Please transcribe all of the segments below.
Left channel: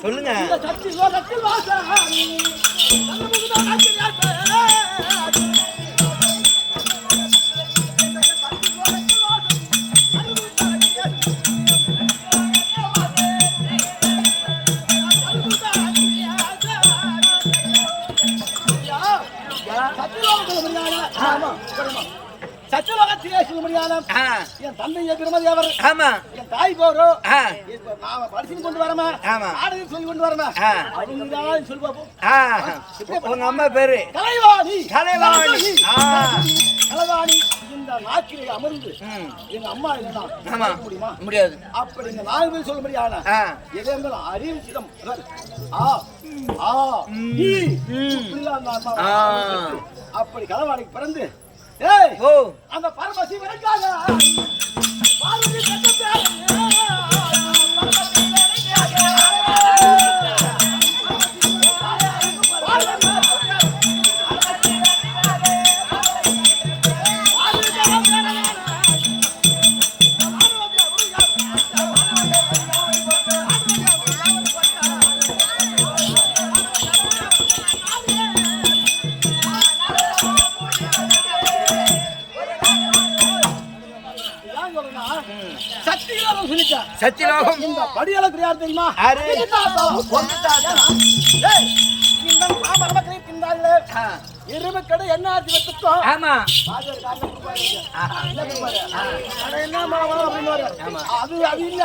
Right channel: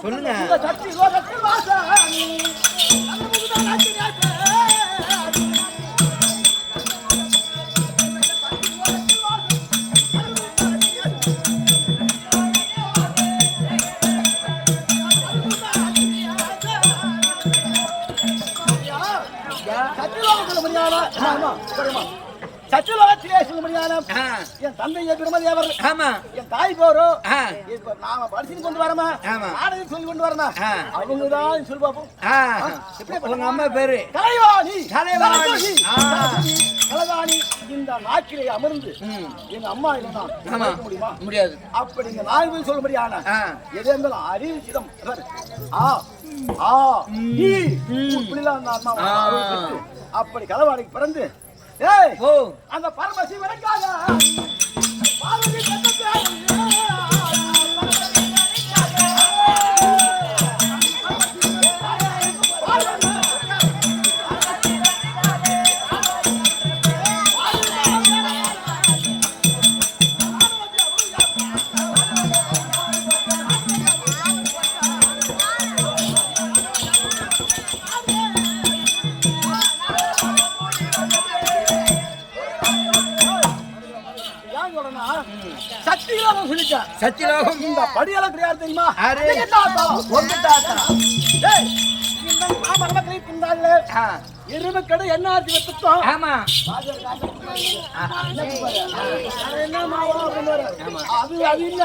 சொல்லுங்க. இந்த சக்தி லோகத்தில் வாசாமி சர்வமுகதான் அக்கினியாசே சச்சுலோகத்திலே சொல்லும்படியான என் தந்தை பிரம்மதேவர், என் தாய் போரோ நாம படிச்சு கொண்டு வரமா, நாடகம் சொல்லி கொண்டு வரமா, அவங்கதான் சொல்லி பார்ப்போம். உங்க அம்மா பேரு கலைவாணி. கலைவாணி. கலைவாணி இந்த நாக்கிலே அமர்ந்து எங்க அம்மா என்ன முடியுமா? முடியாது. அப்படி இந்த நாய் போய் சொல்லும்படியான எது இருந்தாலும் அறிவிச்சிடம் அப்படி கலைவாணிக்கு பிறந்து அந்த பரமசிவனுக்காக பார்வதி சத்தியலோகம் இந்த படியால தெரியாது தெரியுமா? உங்க தாத்தா எருமக்கடை என்ன ஆச்சு சுத்தம்? ஆமா. என்ன மாவா அப்படின்னு அது அது இல்ல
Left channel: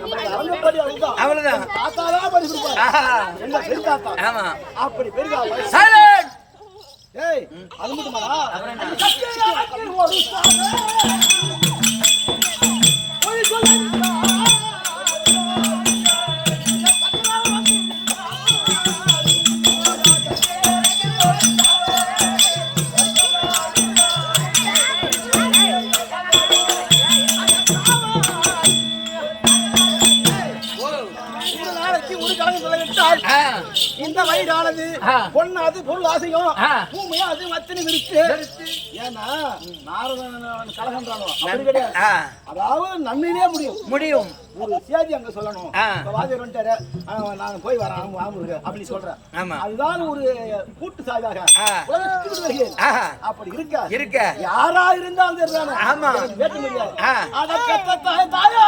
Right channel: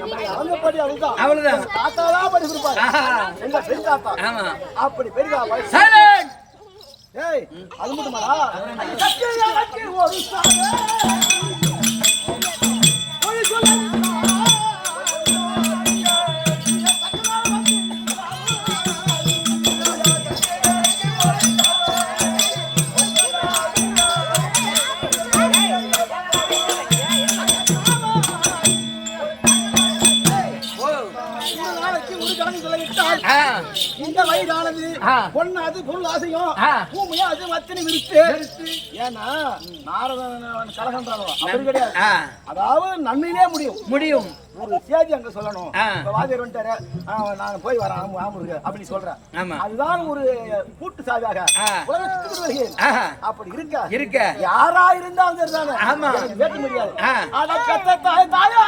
நம்மளுடைய அரங்கப்படி அதுதான். அவ்வளவுதான். தாத்தாதான் படி கொடுப்பாரு. எங்க பெரிய தாத்தா. ஆமா. அப்படி பெரிய அது மட்டுமாடா இந்த வயிறானது பொண்ணாது பொருள் ஆசையும் பூமியா அது மத்தினி விருத்து. ஏன்னா நாரதன் கலகன்றானோ அப்படி கிடையாது. அதாவது நன்மையிலே முடியும். ஒரு சேதி அங்க சொல்லணும். வாதியர் வந்துட்டாரு, நான் போய் வரேன் ஆமுருக்கு அப்படின்னு சொல்றேன். அதுதான் ஒரு கூட்டு சாதியாக அப்படி இருக்க யாரா இருந்தாலும் எனக்கு வேட்ட முடியாது. அத கத்த தாயா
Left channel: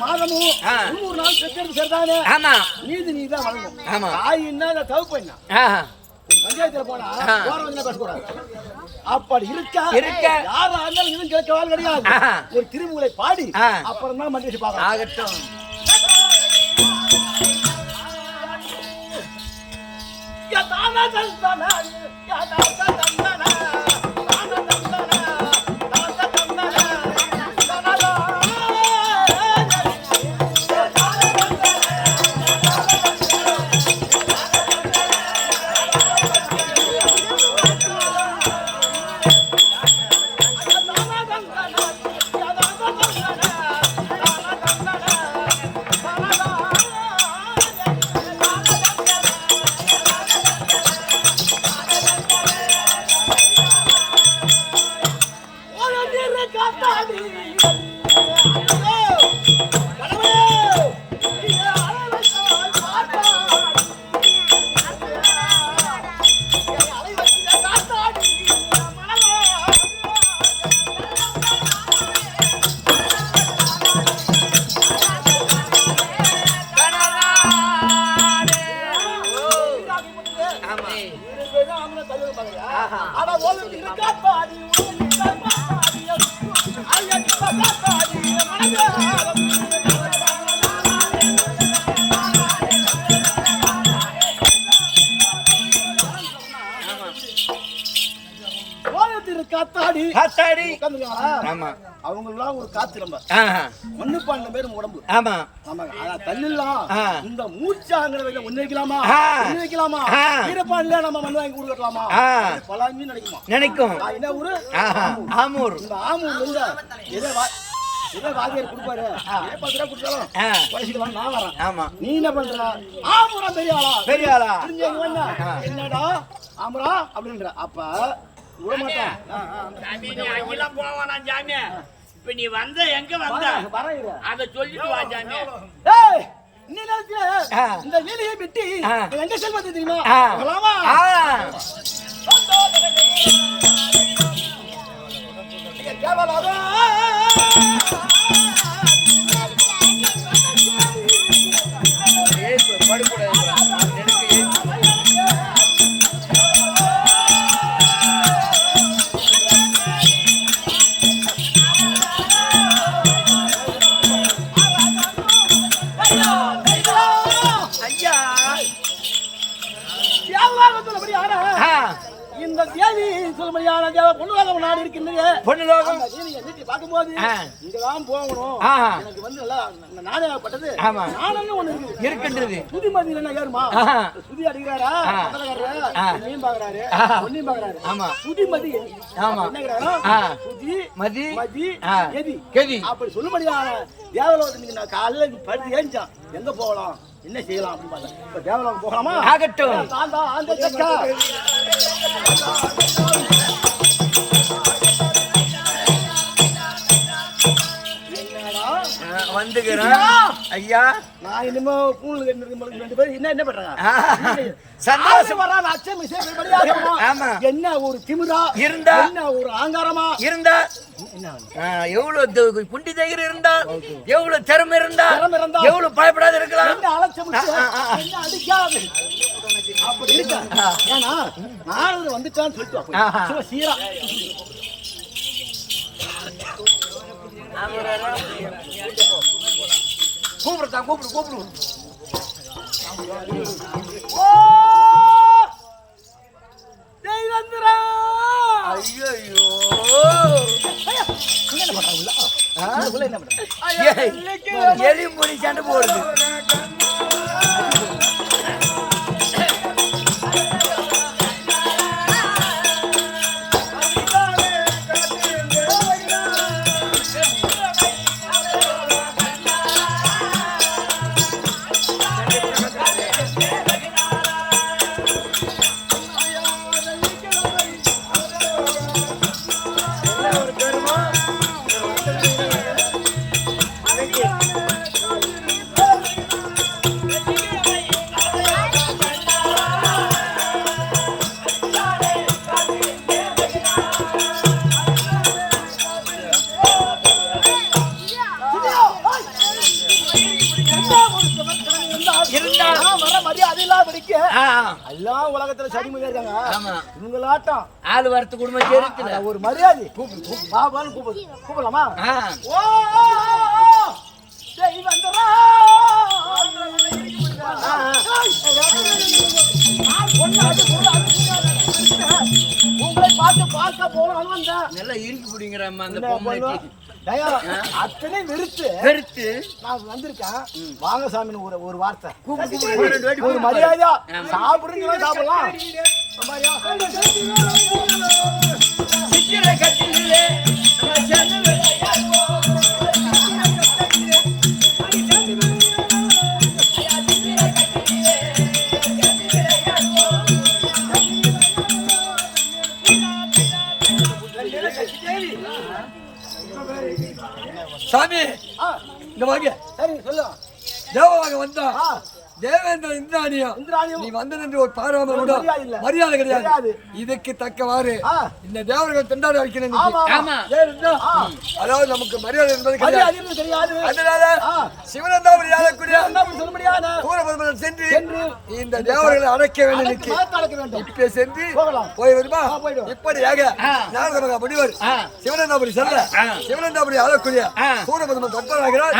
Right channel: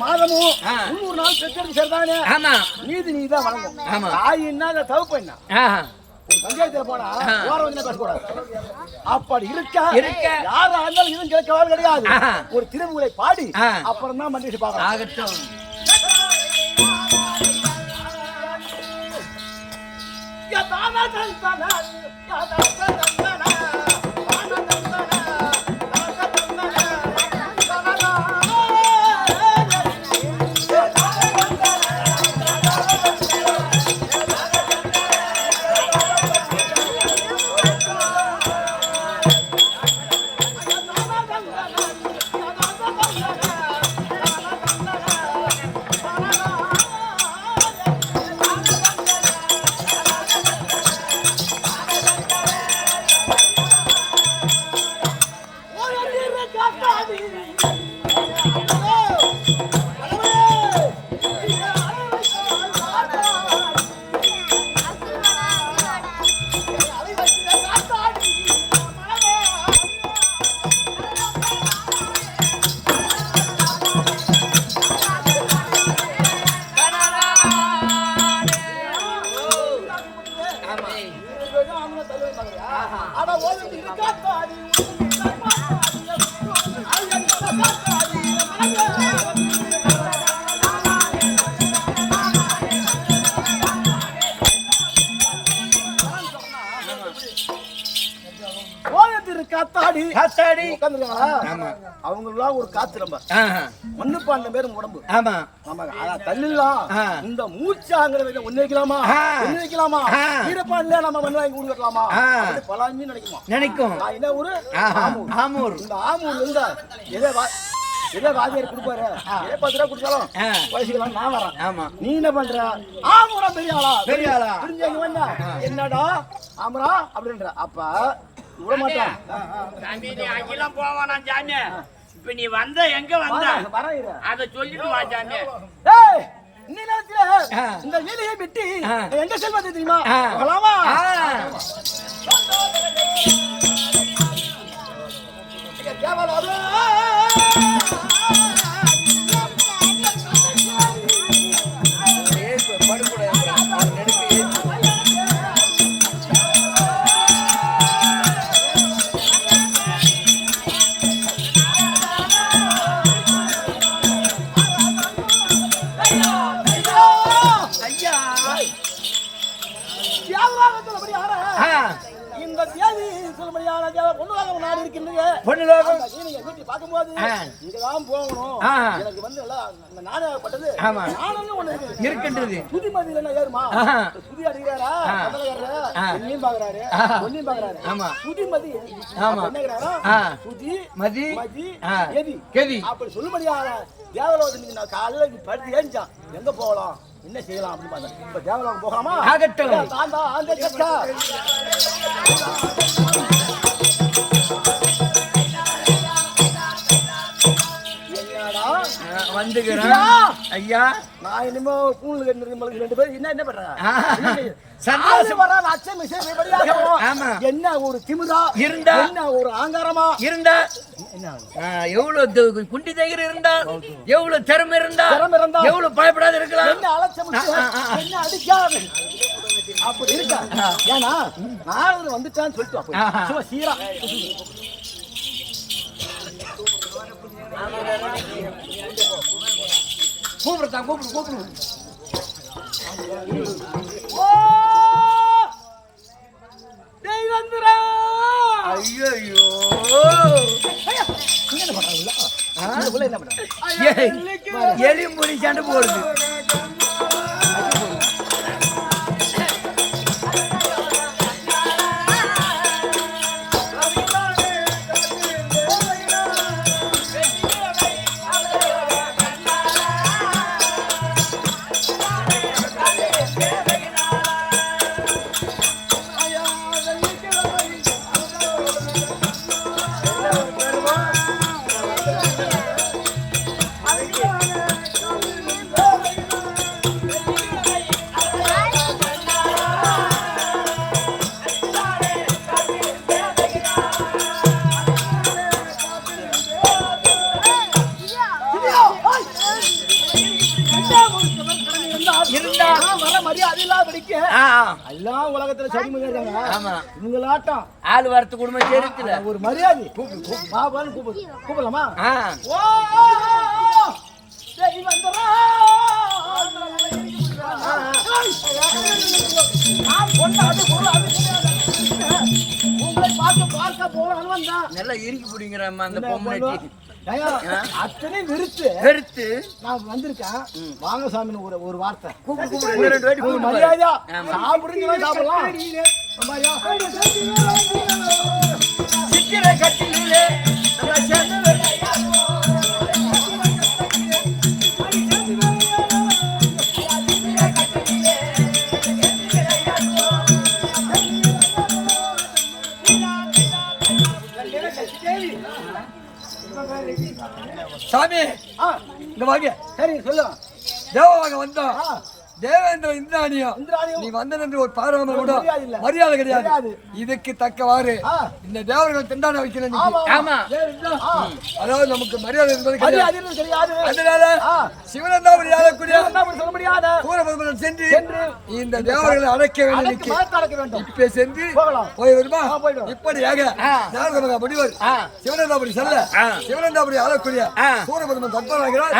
மாதமும் 300 நாள் பெற்றெடுத்து சேர்த்தானே நீதி நீதான் வழங்கும். தாய் என்ன தவப்பு என்ன ஒரு பஞ்சாயத்துல போனா போற வந்து பேசக்கூடாது. அப்படி இருக்க யாரா இருந்தாலும் இதுவும் கிடைக்காது கிடையாது. ஒரு திருமுறை பாடி அப்புறம் தான் மண்டிச்சு பார்க்கலாம். ஆகட்டும். அவங்கெல்லாம் ஒரு காத்து ரொம்ப ஒண்ணு 12 பேரும் உடம்பு. தண்ணிலாம் இந்த மூச்சாங்கிறத ஒண்ணு வைக்கலாமா ஈரப்பான்ல நம்ம மண் வாங்கி கொடுக்கலாமா பலாமி நினைக்கும். நினைக்கும். என்ன ஊரு? ஆமூர். இந்த ஆமூர் இருந்தா எதை ஏதோ வாதியார் கொடுப்பாரு 10 ரூபா கொடுத்தாலும் வயசுக்கு நான் வரேன். ஆமா. நீ என்ன பண்ற? ஆமுரா பெரிய ஆளா பெரிய ஆளா புரிஞ்சவங்க வந்தா என்னடா ஆமுரா அப்படின்ற அப்ப விட மாட்டேன். சாமி நீ அங்கெல்லாம் போவானா சாமி? இப்ப நீ வந்த எங்க வந்த அத சொல்லிட்டு வா சாமி. ஏய் நீ நினைக்கிற இந்த வீதியை விட்டு எங்க செல்வது தெரியுமா? போலாமா? கேவலாதா இந்த தேவி சொல்லும்படியான தேவ பொண்ணுலகம் நாடு இருக்கின்றது. பொண்ணுலகம் பார்க்கும்போது இங்கதான் போகணும். எனக்கு வந்து நானேப்பட்டது நானும் ஒண்ணு இருக்கின்றது. சுதிமதி இல்லைன்னா யாருமா சுதி அடிக்கிறாரா மீன் பாக்குறாரு பொண்ணையும் பாக்குறாரு. ஆமா சுதிமதி சுதி மதி மதி எதி கெதி அப்படி சொல்லும்படியான தேவலோகத்துக்கு நான் காலையில படுத்து ஏஞ்சான் எங்க போகலாம் என்ன செய்யலாம் அப்படின்னு பார்த்தேன். இப்ப தேவலோகம் போகலாமா? ஆகட்டும். வந்துக்கிறேன் ஐயா. நான் இனிமே பூணு கட்டிருக்க 2 பேரும் என்ன பண்றாங்க? சந்தோஷம் வராம அச்சம் என்ன ஒரு திமிரா இருந்தா என்ன ஒரு ஆங்காரமா இருந்தா எவ்வளவு குண்டி தைரியம் இருந்தா எவ்வளவு திறமை இருந்தா எவ்வளவு பயப்படாத இருக்கலாம். என்ன அலட்சம் என்ன அடிக்காது அப்படி இருக்கா? ஏன்னா நாரதர் வந்துட்டான்னு சொல்லிட்டு சும்மா சீரா கூப்பிடுதான் கூப்பிடு எரிமுடி சண்டை போடுது. எல்லாம் உலகத்துல சரி இருக்காங்க. இவங்களாட்டம் ஆளு வரத்து குடும்பம் சேர்த்துல ஒரு மரியாதை பாபான்னு கூப்பிடலாமா? உங்களை பார்த்து பார்க்க போறான்னு வந்தா நல்லா இறுக்கி பிடிங்கிறம்மா அந்த பொம்மைக்கு அத்தனை வெறுத்து நான் வந்திருக்கேன். வாங்க சாமி ஒரு வார்த்தை ஒரு மரியாதையா சாப்பிடுறீங்க சாப்பிடலாம். சாமி இந்த வாங்க. சரி சொல்லு. தேவவாக வந்தா தேவேந்திர இந்திராணியம் நீ வந்தது ஒரு பாராமரோட மரியாதை கிடையாது. இதுக்கு தக்கவாறு இந்த தேவர்கள் திண்டாட வைக்கிறேன். அதாவது நமக்கு மரியாதை கிடையாது. சிவனந்தாபுரி சொல்ல முடியாது. சென்று இந்த தேவர்களை அழைக்க வேண்டும். இப்ப சென்று போய் வருமா? இப்படியாக முடிவர் சிவனந்தாபுரி செல்ல சிவனந்தாபுரி ஆளக்கூடிய சூரபத்மன் தற்பராகிறார்.